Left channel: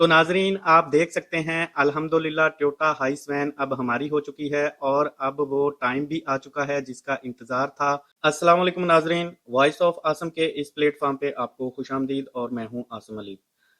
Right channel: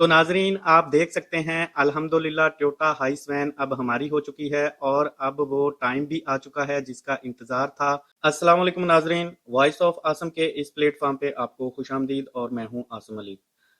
तो नाजरीन आप देख सकते हैं अल्हम्दुलिल्लाह टोयोटा हाइस वैन अब हमारी हो चुकी है और अब वो टाइम भी आ चुका है जिसका इंतजार था। अस्सलाम वालेकुम नाजरीन, वॉइस ऑफ आसम के इस प्लेटफॉर्म पे आपको खुशामदीद और मैं हूं आसम अली।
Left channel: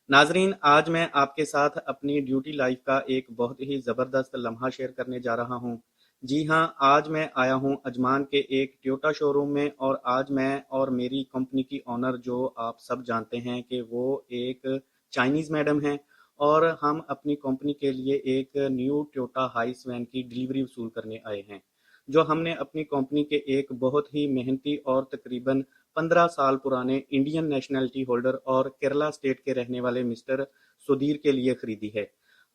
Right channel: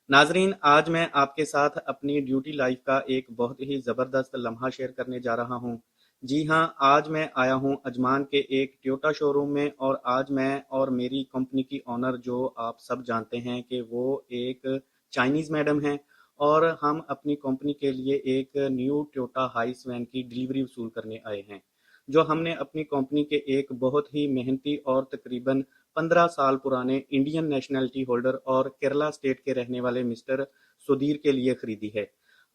नाजरीन आज मैं आपके साथ अपनी ड्यूटी लाइफ का एक बहुत ही ज़बरदस्त लम्हा शेयर करने जा रहा हूं। जी हाँ, आज मैं आया हूं अजमान के एक टोयोटा शोरूम में और आज मैं और मेरी कंपनी की ओनर जो आप सब जानते हैं कि वो एक चाइनीज़ मैडम हैं और हम अपनी कंपनी के लिए एक न्यू टोयोटा हाइस वैन की डिलीवरी वसूल करने आए हैं जो हमने अपनी कंपनी के एक बहुत ही मेहनती और तकरीबन 15 साल पुराने इंडियन नेशनैलिटी होल्डर और केरला स्टेट के रहने वाले मिस्टर सुधीर के लिए खरीदी है।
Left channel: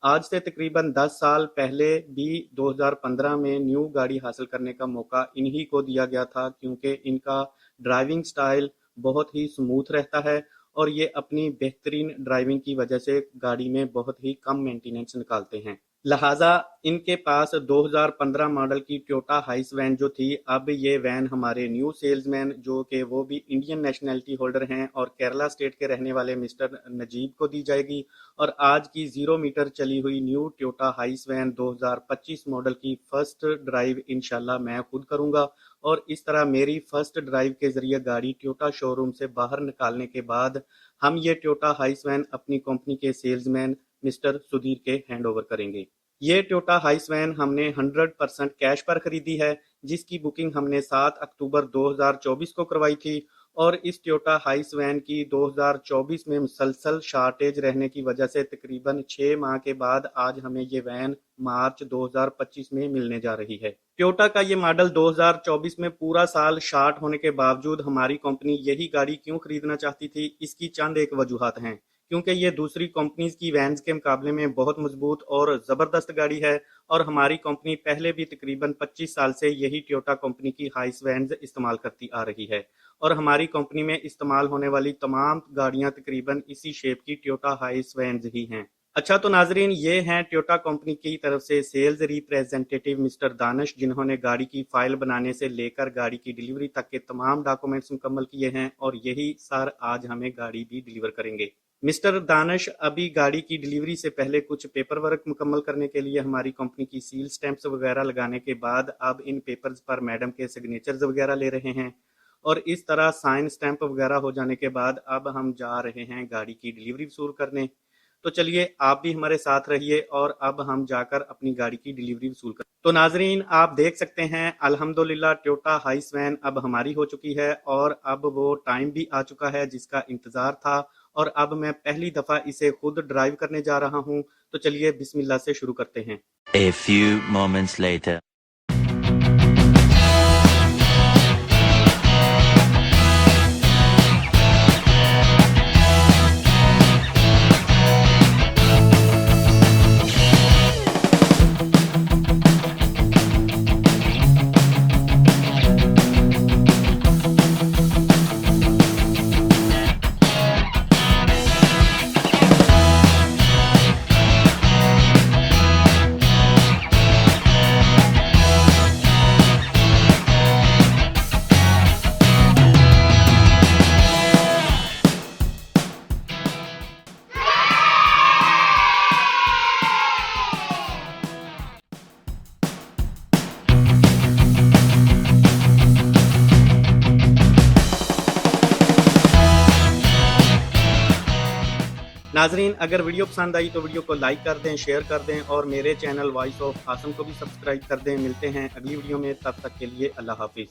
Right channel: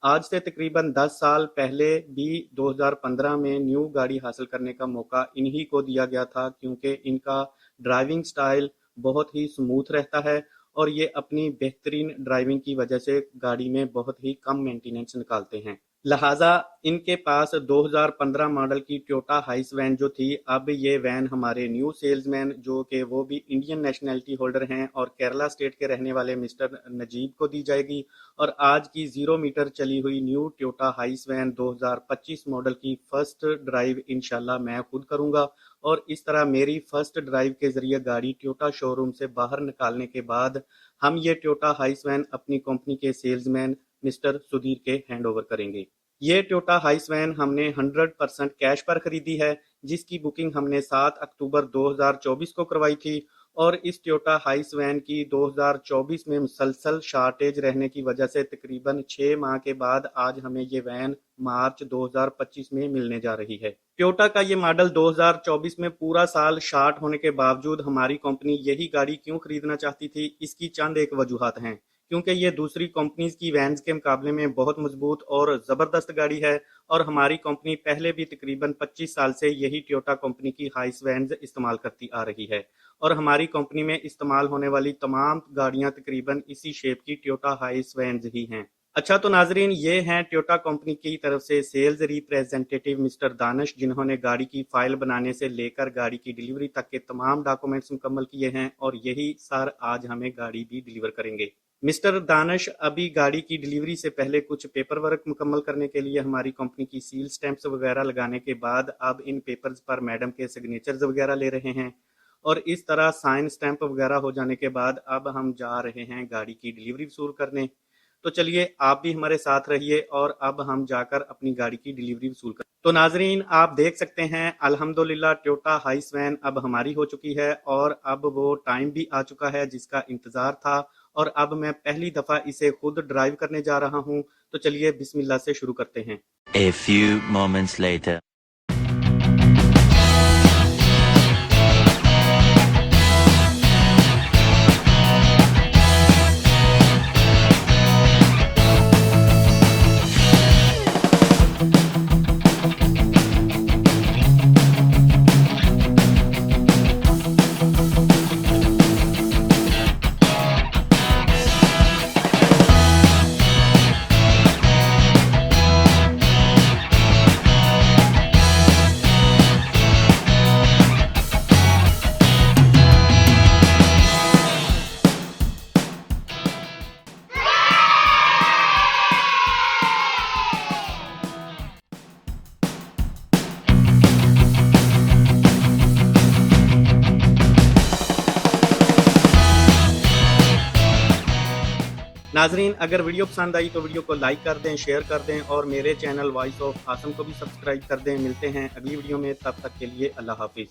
आज से तकरीबन 10 साल पहले भी 2015 में न्यू गाड़ी हासिल करने का मौका इन्हीं को दिया गया था क्योंकि इनका ड्राइविंग स्टाइल बहुत ही स्मूथ रहता है और ये अपनी बेहतरीन ड्राइविंग की वजह से गाड़ी में बहुत ही कम मेंटेनेंस निकालते हैं। लिहाजा इनके पास 2015 मॉडल की टोयोटा हाइस वैन जो थी, अब ये वैन हमारे न्यू सेल्समैन जो कि वो भी इंडियन नेशनैलिटी होल्डर हैं और केरला स्टेट के रहने वाले मिस्टर नजीब को दी जाएगी। और आज की 0 मीटर चली हुई न्यू टोयोटा हाइस वैन 2025 मॉडल की फर्स्ट ड्राइव इंशाल्लाह मैं खुद करूंगा और इस तरह मेरी फर्स्ट ड्राइव के जरिए गाड़ी टोयोटा शोरूम से बाहर निकालने के बाद हम ये टोयोटा हाइस वैन अपनी कंपनी के सेल्समैन मिस्टर सुधीर के हैंड ओवर करेंगे। ये टोयोटा हाइस वैन हमने 100% कैश पर खरीदी है जिसकी बुकिंग हमने 7 अक्टूबर 2024 को करवाई थी और इस टोयोटा हाइस वैन की 2024 में मुसलसल शॉर्टेज रहने की वजह से तकरीबन 6 माह के बाद आज हमें ये वैन मार्च 2025 में मिलने जा रही है। टोयोटा का ये मॉडल 2024 में पूरा साल शॉर्ट होने के बावजूद हमारी कंपनी यही गाड़ी क्यों खरीदना चाहती थी, इसकी चंद एक वजूहत हैं। क्योंकि ये दूसरी कंपनीज की वैन्स के मुकाबले में बहुत मजबूत और ज़बरदस्त गाड़ी है और हमारी कंपनी पहले भी तकरीबन 25 साल से यही टोयोटा कंपनी की हाइस वैन्स इस्तेमाल करती आ रही है और हमारी कंपनी में इस्तेमाल होने वाली तमाम गाड़ियां तकरीबन इसी शेप की टोयोटा हाइस वैन्स ही हैं। अच्छा तो नाजरीन ये हैं टोयोटा कंपनी की तरफ से सेल्स रिप्रेजेंटेटिव मिस्टर दानिश जिन्होंने गाड़ी की फाइल बनाने से लेकर गाड़ी की डिलीवरी तक के तमाम डॉक्यूमेंट्स मुकम्मल किए हैं और यही सर आज हमें गाड़ी भी डिलीवर करेंगे। मिस्टर दानिश अभी गाड़ी की डिलीवरी से पहले कुछ पेपर वर्क मुकम्मल करने के लिए हमारी कंपनी की सील स्टैंप्स वगैरह लगाने के बाद अब इन पेपर्स पर मैडम के सिग्नेचर्स वगैरह ले रहे हैं और इस तरह साइन स्टैंप वगैरह हो जाने के बाद अब हम जा रहे हैं गाड़ी की डिलीवरी वसूल करने। तो चलिए आप भी हमारे साथ रहिए और अब हम जाकर अपनी गाड़ी की डिलीवरी वसूल कर। तो नाजरीन आप देख सकते हैं अल्हम्दुलिल्लाह टोयोटा हाइस वैन अब हमारी हो चुकी है और अब वो टाइम भी आ चुका है जिसका इंतजार था और अब मैं पहली दफा इसे खुद ड्राइव करने जा रहा हूं। तो चलिए बिस्मिल्लाह से शुरू करते हैं। A few moments later. नाजरीन अगर वीडियो पसंद आई तो वीडियो को लाइक कर दें, शेयर कर दें और मेरे चैनल वॉइस ऑफ आसम को भी सब्सक्राइब कर दें। मिलते हैं अगली वीडियो में, तब तक के लिए अल्लाह हाफिज।